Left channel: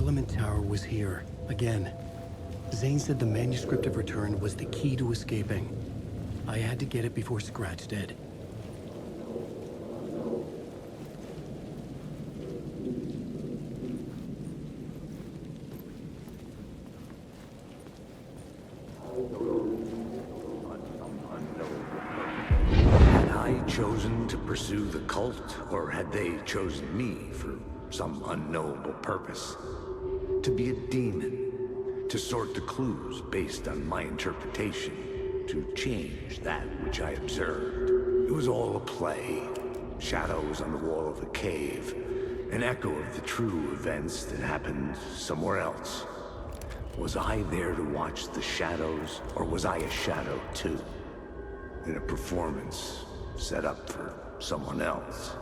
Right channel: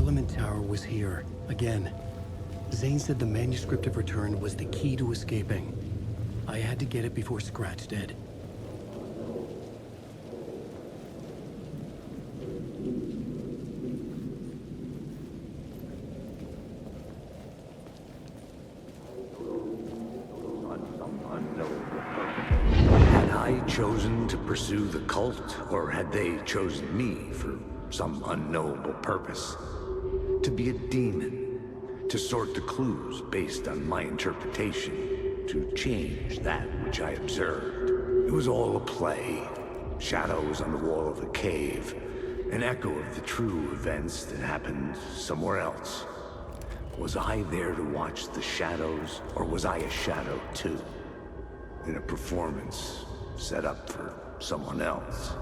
Parliament Tower was here, again. Zane said the manuscript of return was the key to escaping. I had to get it before Scratch did. Had I chosen to pursue the cult, or had they chosen me for some unknowable purpose? To be a demon, to sort the clues based on my interpretation, to change that which I observed. It was all a play. Shadows on the wall of the cave, an echo of the true events that happened somewhere else. Was I there to watch the shadows, or was I a shadow too? In a performance set up for someone else.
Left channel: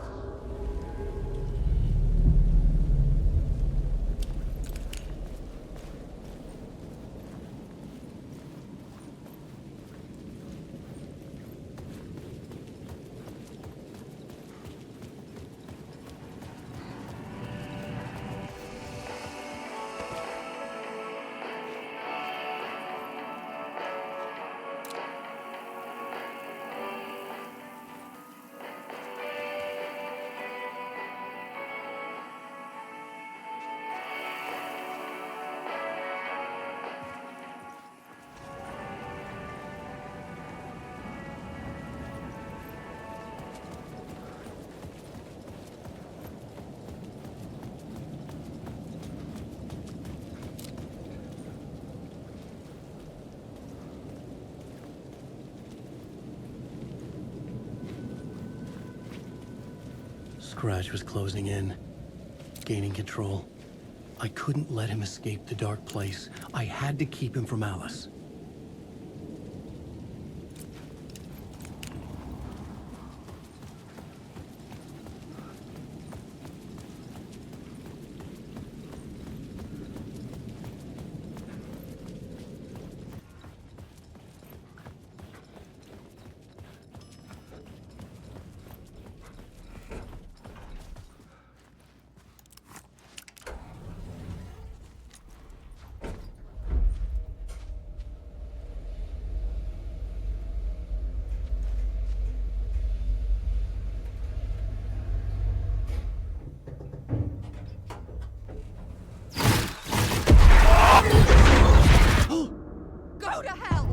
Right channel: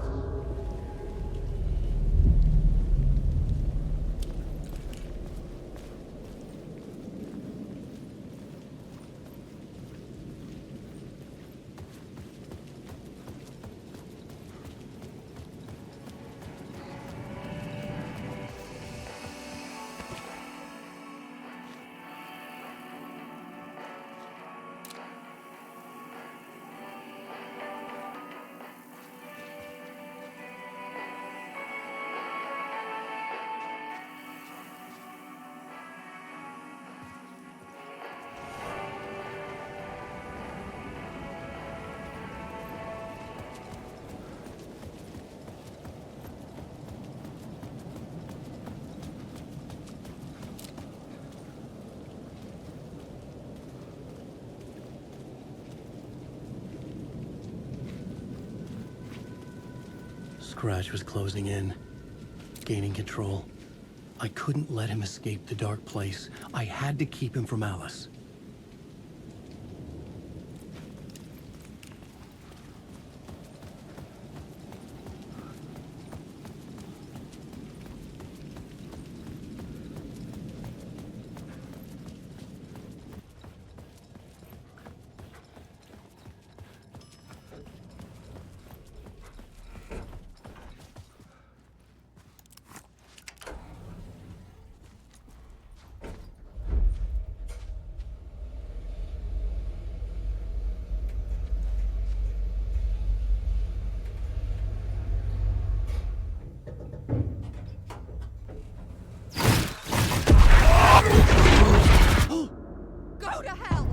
Scratch was closing in, gaining control. I couldn't let him escape the dark place. I had to keep him from Alice. Go to hell!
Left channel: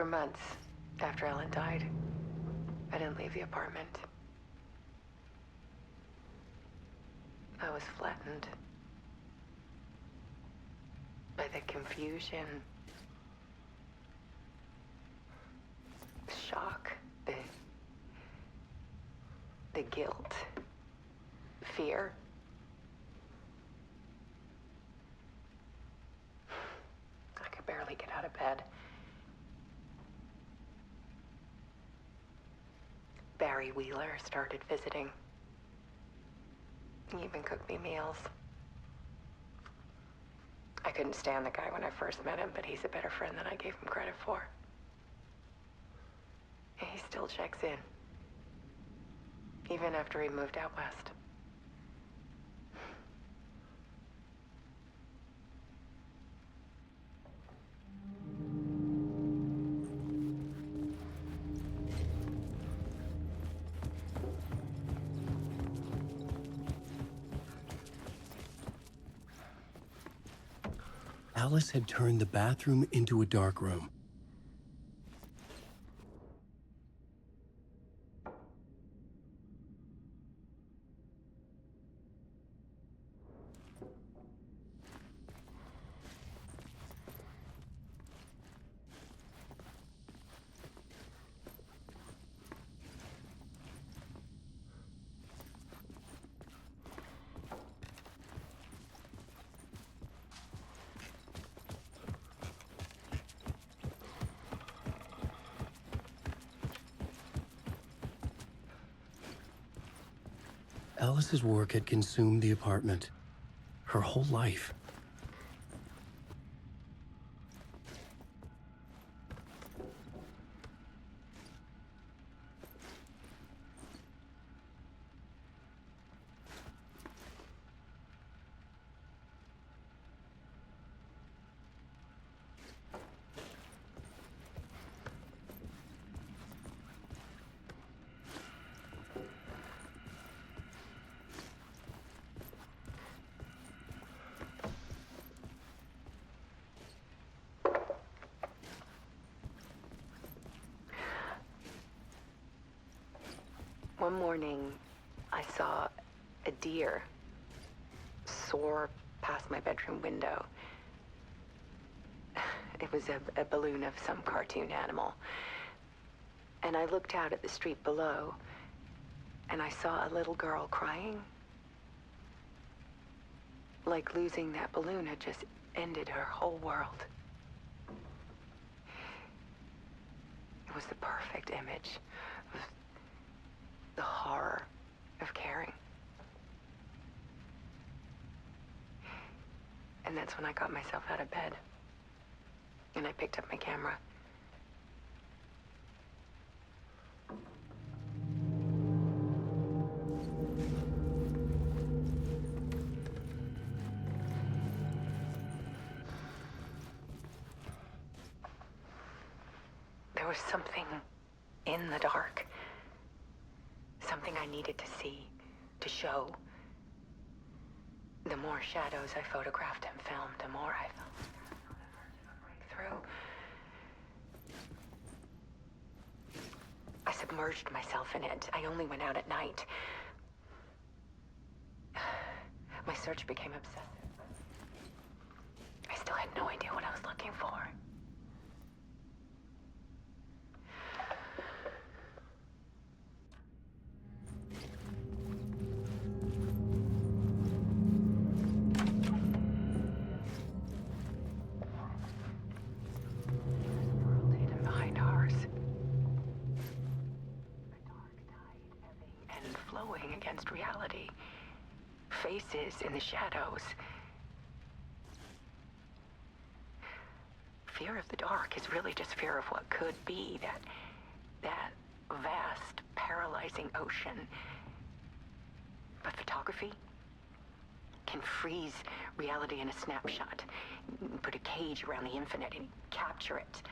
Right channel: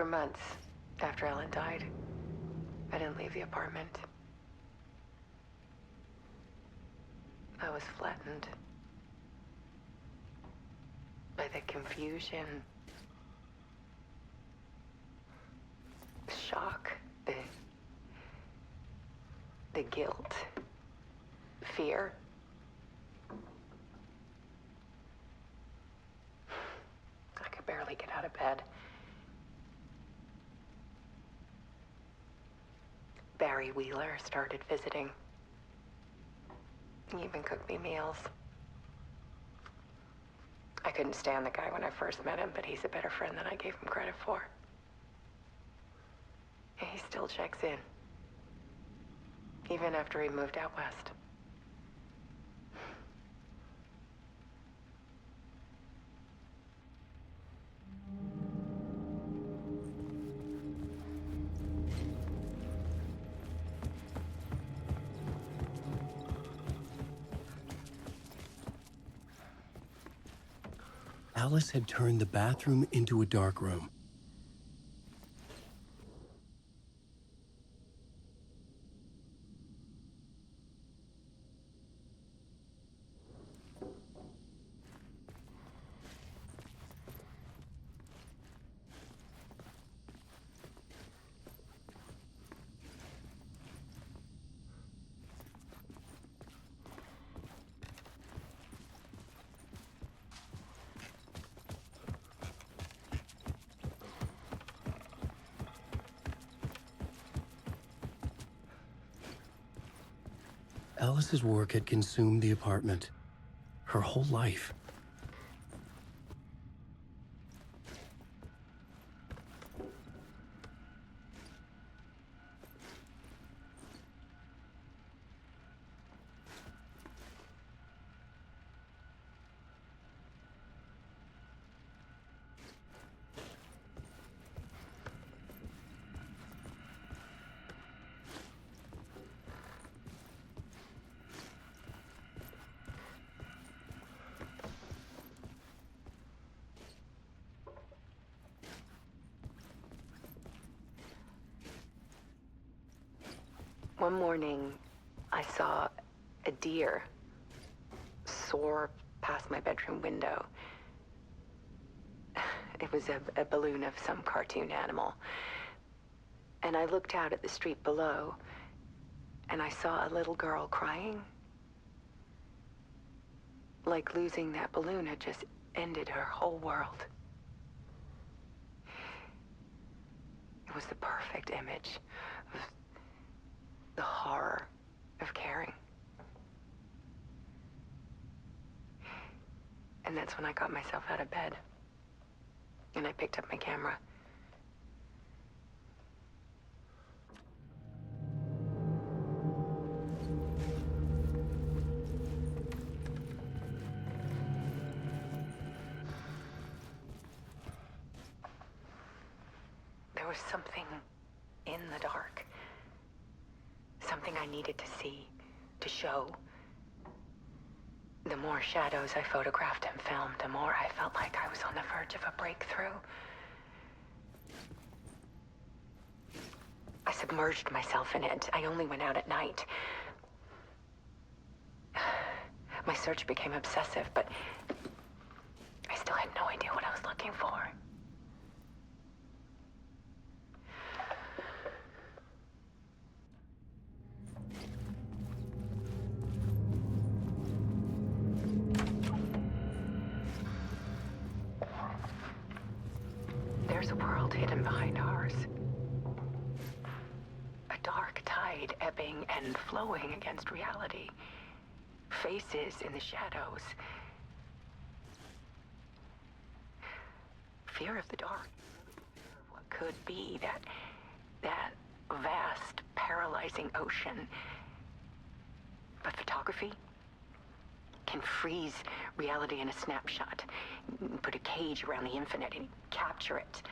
For months after Ellen died, I didn't leave the apartment. I was flattened by the confusion, the shock, the guilt, fear. I could barely get out of bed. Barry Wheeler started visiting. He even cooked me meals. I couldn't stand the guy when I first met him, but he's a better friend than I gave him credit for. And he still checks in, even after he moved out west. Alice had turned the bathroom into a dark room. Alice's work had consumed the apartment, her whole life. One morning, I saw a deer soar past my bedroom window. It was a balloon of some cartoon animal. And I looked out at the street below, and I saw a little girl crying. Like losing that balloon had just ended her whole world. It was the perfect image of the horror of caring. And that's when I got myself out of bed. And I picked up my camera. There was something in the dark. Something I needed to see, to show. The more shadows I photographed and filmed, the more I felt like I was on the verge of a breakthrough. I submerged myself in it. I only went out at night. My search became obsessive, but I still had no idea what I was looking for. There's a world hidden behind ours. A dark tide ebbing and flowing against reality. Faces in the shadows. Fear of the dark is really just fear of what could be, that vast, paralyzing ocean. But photography can freeze reality in a snapshot, put a cage around the infinite and capture it.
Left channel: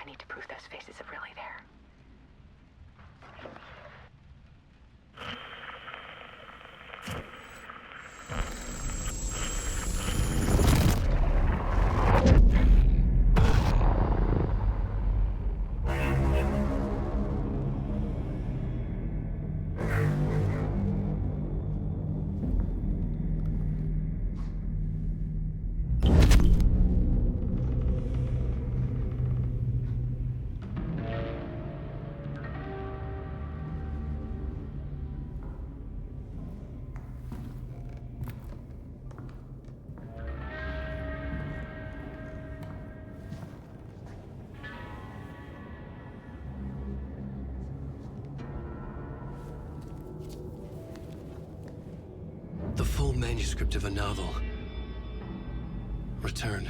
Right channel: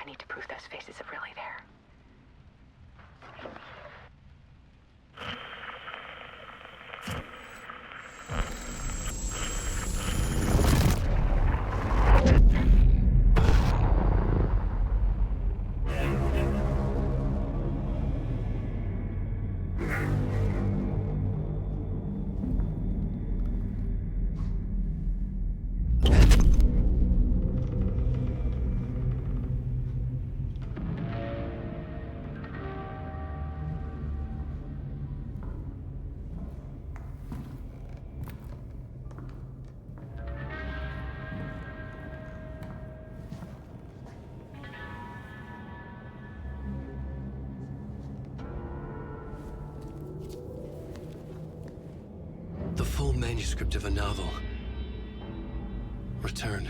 I need to prove those faces are really there. manuscript of a novel. Return.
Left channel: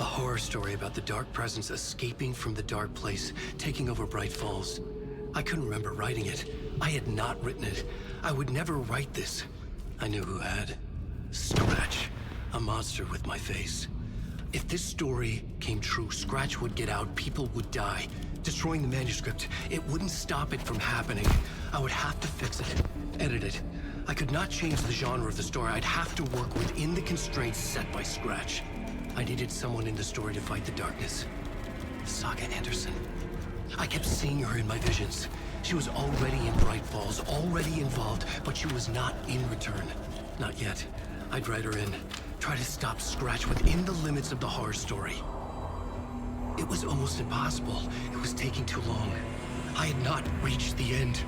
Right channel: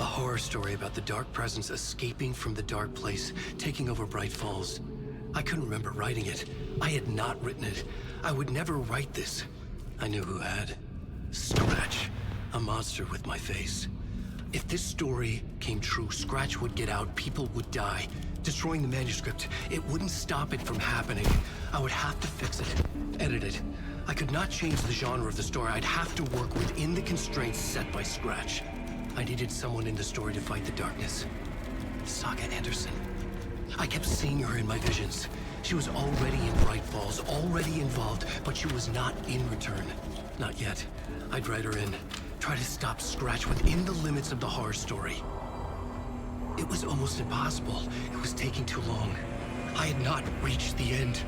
A horror story about the dark presence escaping from the dark place, taking over Bright Falls. I couldn't remember writing it. I had not written it. I would never write this. I knew who had. Scratch. A monster with my face. If this story came true, Scratch would get out, people would die. Destroying the manuscript, it wouldn't stop it from happening. I would have to fix it, edit it. I could not change the genre of the story. I'd have to work within the constraints set by Scratch. I needed someone in the story to fight the darkness. Saga Anderson. I kept seeing her in my visions. She was already in Bright Falls, already involved, but she was not in Return. Not yet. I'd write her in. Try to stop Scratch within the limits of the horror story. It was almost impossible. It was taking too long. I had not reached the end.